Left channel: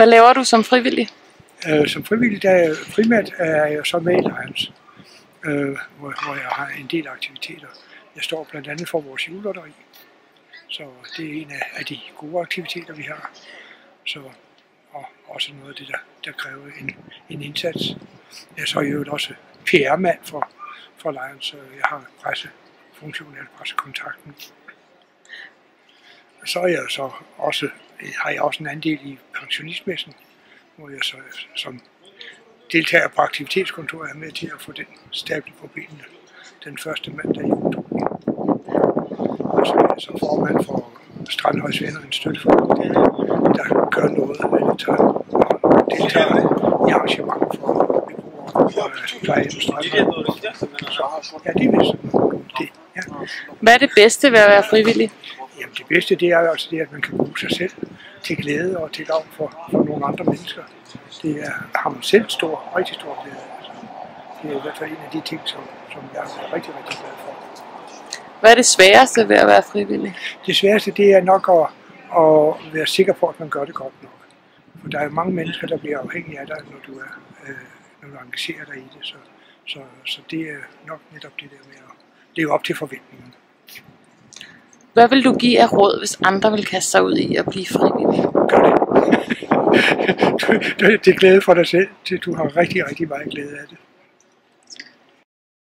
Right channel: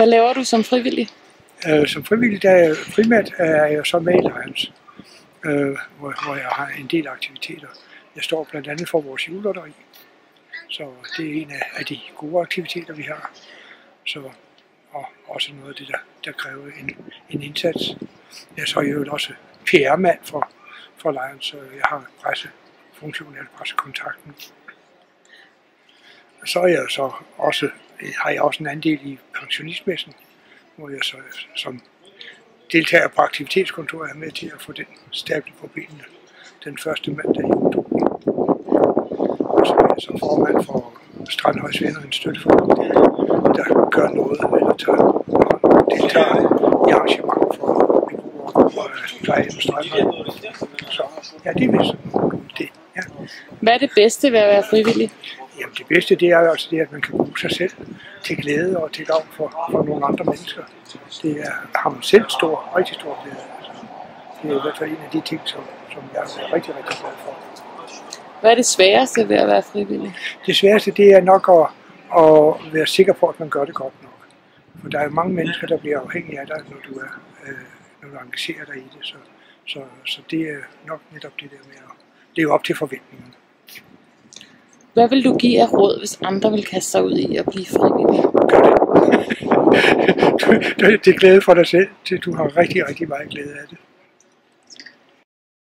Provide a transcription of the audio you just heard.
Hvad laver du som frivillig? Som frivillig, primært er jeg så med i Lions, hvor jeg har en del aktiviteter. Jeg står blandt andet for vores julelotteri, så det er en af de gode aktiviteter, vi har. Og også noget af det, der kræver en indsats. Jeg er så jo også PR-mand for Lions, så jeg har pressefunktionen, eller pressekontakten. Så er jeg så også, har jeg også en andel i pensionistmessen, hvor jeg så som deltager på aktivitetskontoret er med til at få den stablet på benene den første mandag i oktober. Og så er jeg så formand for Strandhøjs Venner, en støtteforening, der gør noget, eller deltager i arrangementer for beboere og plejehjem og Strandhøj. Så ja, det er vist det. Ja. Hvad er det bedste ved at være frivillig? Jamen det bedste det er jo altså det, at man kan bruge sig selv til glæde og til gavn for nogle andre mennesker. Det har man selv rigtig stor glæde af. Altså, det er i hvert fald en af de ting, som jeg er rigtig glad for. Hvad er det sværeste ved at være frivillig? Det sværeste det er nok at være sikker på, at man gør det godt nok. For der er jo mange mennesker, der bliver afhængige af dig, når du engagerer dig i det. Så det er nok netop det der med at leve op til forventningerne. Hvad vil du give af råd, hvis andre vil kaste sig ud i at blive frivillig? Gør det. Det er glæde for dig selv, til du har rigtig, rigtig meget glæde af det.